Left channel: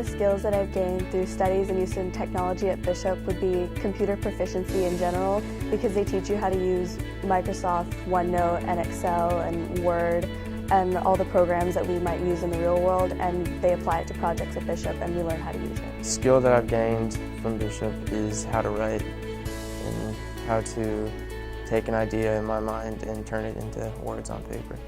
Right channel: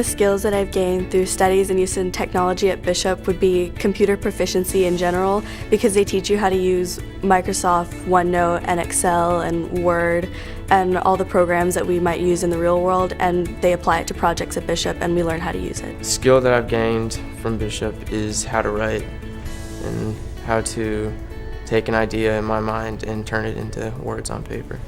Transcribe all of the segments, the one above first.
the skills that I've gained through studies and use in technology at Bishop would be computer proficiency in general, because they teach you how to use Microsoft, OneNote, and Excel, and Word, and all the programs that we might use in the real world, and they apply it to projects at Bishop, and we learn how to use it. The skill that I've gained from Bishop is how to write and how to take an idea in my mind and turn it into words on paper.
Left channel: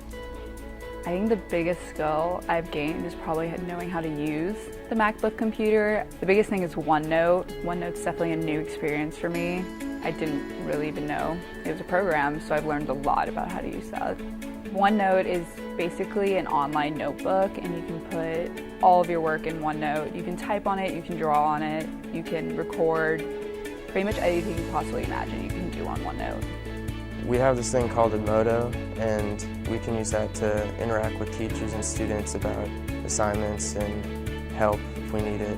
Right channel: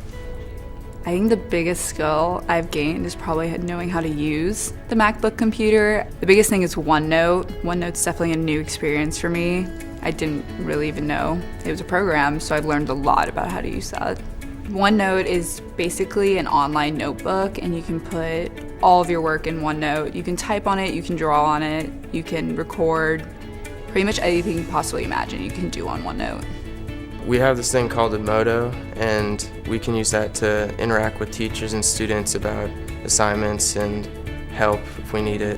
I think the biggest skill I've gained is probably knowing how to use the MacBook computer. The biggest thing is OneNote. OneNote's definitely a new experience for me. I didn't really even know it was a program, so I've learned a lot about how to use that. OneNote is basically an online notebook, and you can put all of your work in OneNote. You can type on it, you can draw on it, you can record. Pretty much anything you can possibly imagine you can do on OneNote. We have this thing called a Moto, and we can use that to interact with teachers and students about assignments and help if we need it.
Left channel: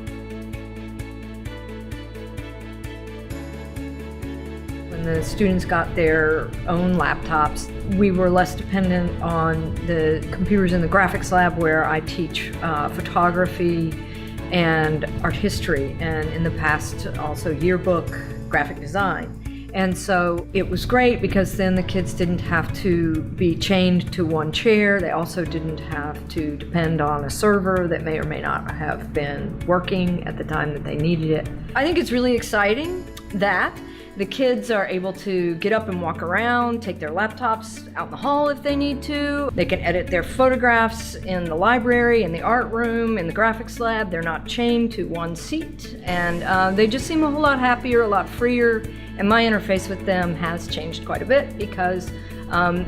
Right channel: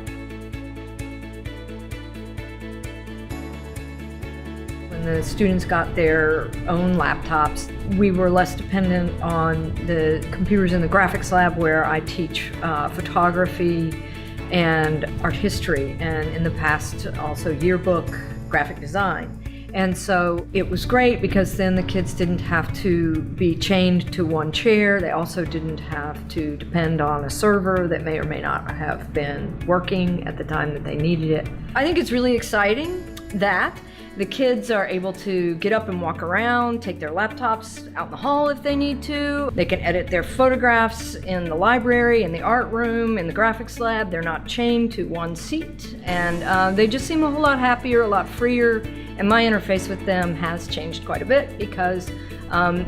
When the students got their own laptops, we were less dependent on the computers in the graphics lab, where I teach photography and art history, and in the past also yearbook graphic design. And so it was great because then the kids didn't have to be chained to one chair. They also didn't have to depend on a server that may or may not have been working at the time that they needed it. I think it's really exciting that the kids are able to get up and walk around, take their laptops out in the hall if they need to. They can edit their photographs in the library, in the art room, in the graphics lab. They're not chained to one seat, and they just seem a whole lot happier, a lot freer, and my interface with them has changed quite a bit because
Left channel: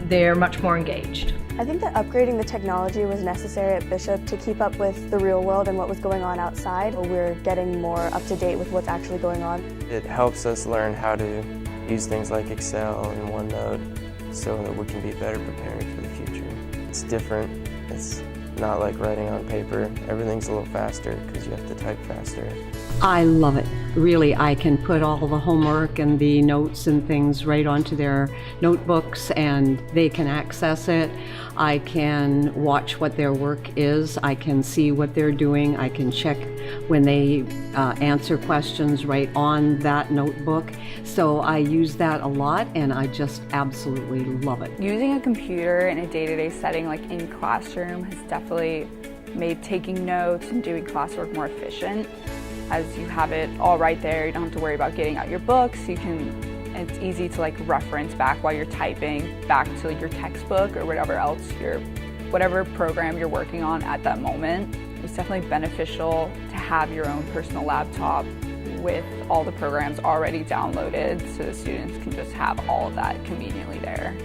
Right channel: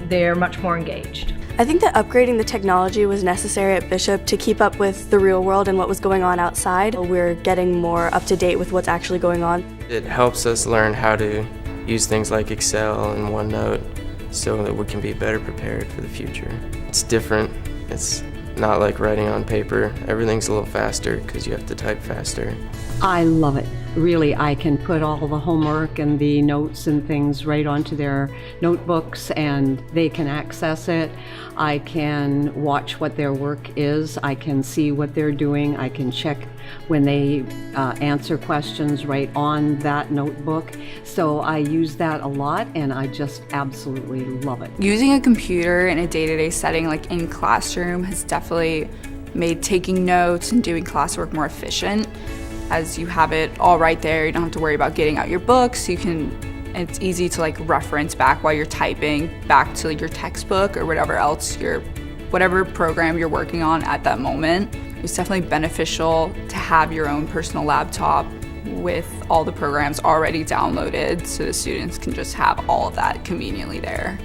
they're much more engaged. I think that upgrading the technology was necessary at Bishop to keep up with the real world and what was going on outside. We're getting more up to date with what's actually going on. It helps us learn how to use things like Excel and OneNote so that we can be better prepared for the future. It's different. It's not like writing on paper. Everything's a little faster because you have to type faster. I love it. Really, I can put all the homework and the notes and things right onto their notebooks, and they can access it. I can watch what their work is. I can see what they're doing. I can check when they answer questions right on that notebook. So I use that a lot, and I just absolutely love it. Using a computer in a day-to-day setting, like in classroom, has definitely made taking notes and doing classwork more efficient. As you have it all right there, you don't have to worry about getting out your books. It's easy to reference back while you're typing back to your textbook or whatever else whatever program you're working on at that moment. It's definitely beneficial to have your own personal laptop with all the programs already downloaded, so the students can just have all of that conveniently there.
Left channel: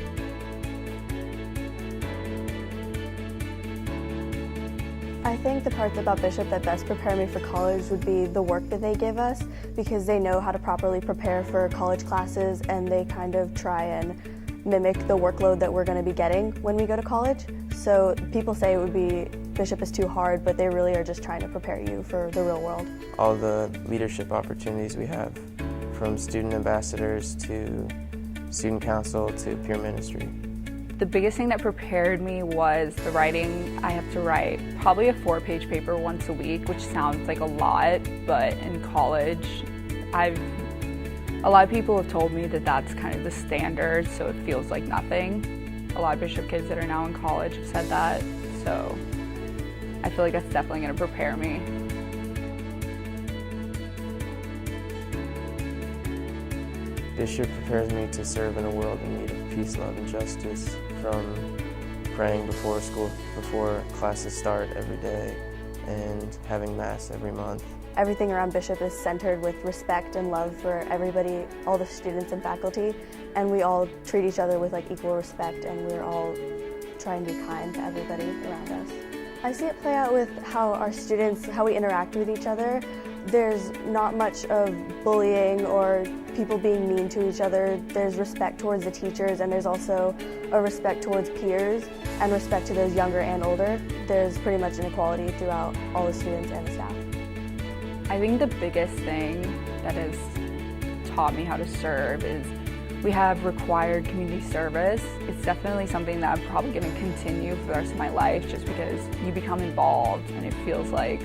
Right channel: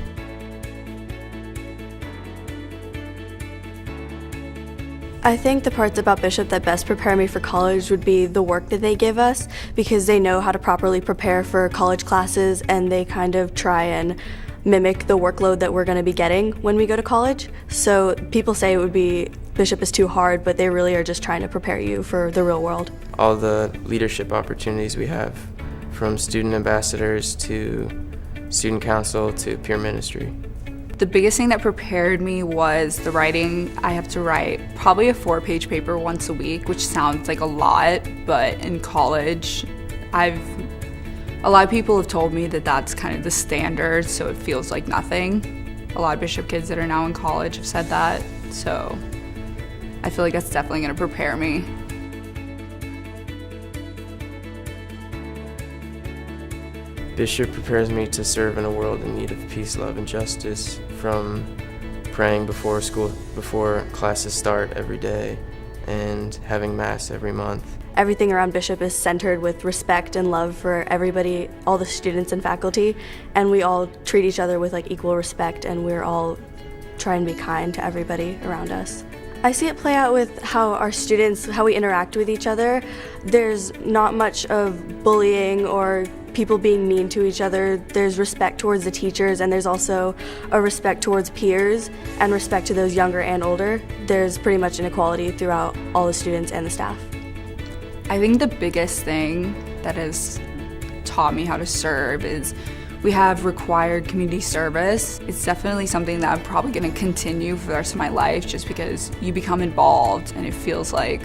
I think the parts about Bishop that best prepare me for college would be the work that they give us, because they know how to properly prepare for college classes, and they kind of try and mimic the workload that we're going to be getting when we go to college. So people say Bishop is too hard, but they really are just trying to prepare you for the real world. All the leadership opportunities we have, from student ambassadors to student council to peer ministry. The biggest thing that prepared me was the writing. I have to write probably a 4-page paper once a week, which sounds like a lot, but in college, a lot of people have told me that that's kind of the standard, so it feels like nothing. A lot of Bishop kids that are now in college have said that, so I feel like that's definitely going to prepare me. Bishop prepares me to serve in a world in need of peace, love, and justice, from praying before classes start every day and having Mass every month. Everything around Bishop is centered with respect and love for everybody, all the students and faculty, and we all treat each other with equal respect, and we're all trying to be kind to everybody around us. I see it play out with how we interact with each other. There's not much of bullying or people being mean to each other. There's respect towards the teachers, and there's also a respect towards peers and respect to those younger and older. There's pretty much an equality throughout all the students and the staff. I think the biggest thing that has taught me how to serve is we have required community service. It's definitely something that I'm probably going to continue for the rest of my life, just because you become involved and it feels like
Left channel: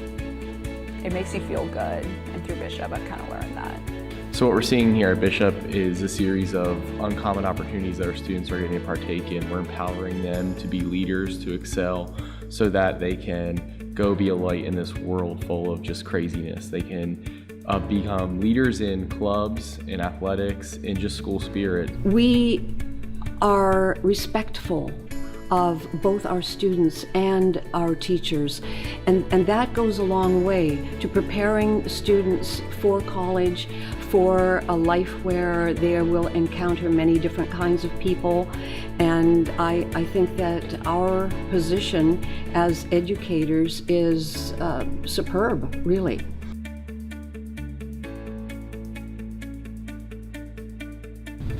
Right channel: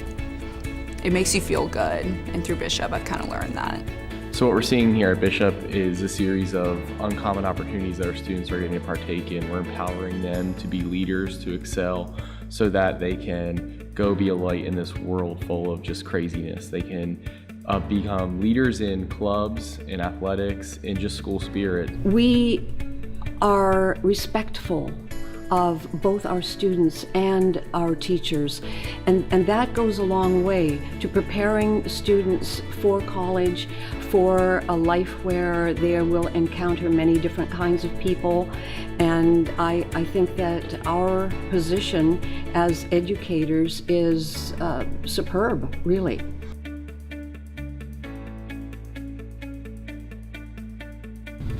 it makes you feel good. And through Bishop, I've kind of learned that. So what we're seeing here at Bishop is a series of uncommon opportunities that our students are getting to partake in. We're empowering them to be leaders, to excel, so that they can go be a light in this world full of just craziness. They can become leaders in clubs, in athletics, in just school spirit. We are respectful of both our students and our teachers, and that goes a long way to preparing students for college, for a life where they will encounter many different kinds of people. And I think that our position as educators is superb, really.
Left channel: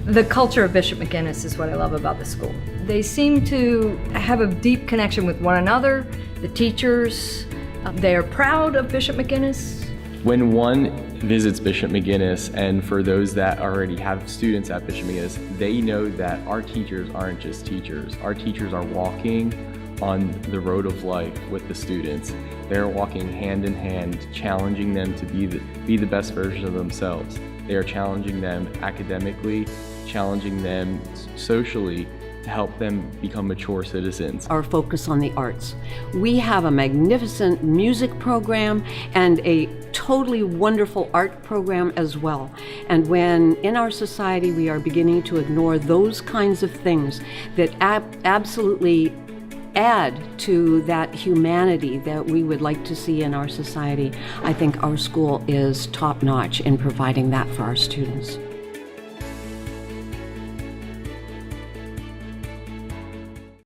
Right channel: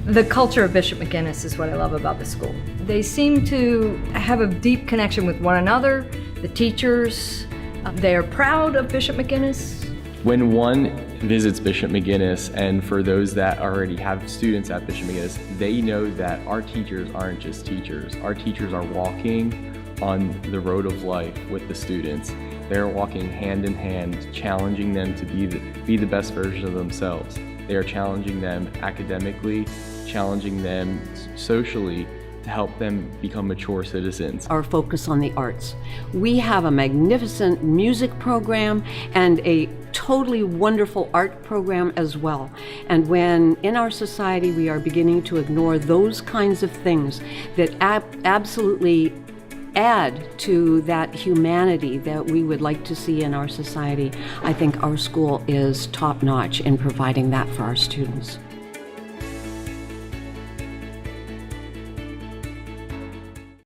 The culture of Bishop McGuinness is what I love about the school. They seem to have a deep connection with one another, the teachers. They are proud of Bishop McGuinness. When one visits Bishop McGuinness, and for those that already have students at Bishop McGuinness, they know that our teachers aren't just teachers. Our teachers are walking on the road of life with the students. They're walking hand in hand, challenging them to be the best version of themselves. They are challenging them academically, challenging them socially, to help them become mature citizens. Our focus on the arts. We have a magnificent music program and a totally wonderful art program as well. And when in our society we are beginning to ignore those kinds of things that absolutely add to that humanity that we would like to see in our society, I think our school is top-notch in providing that for our students.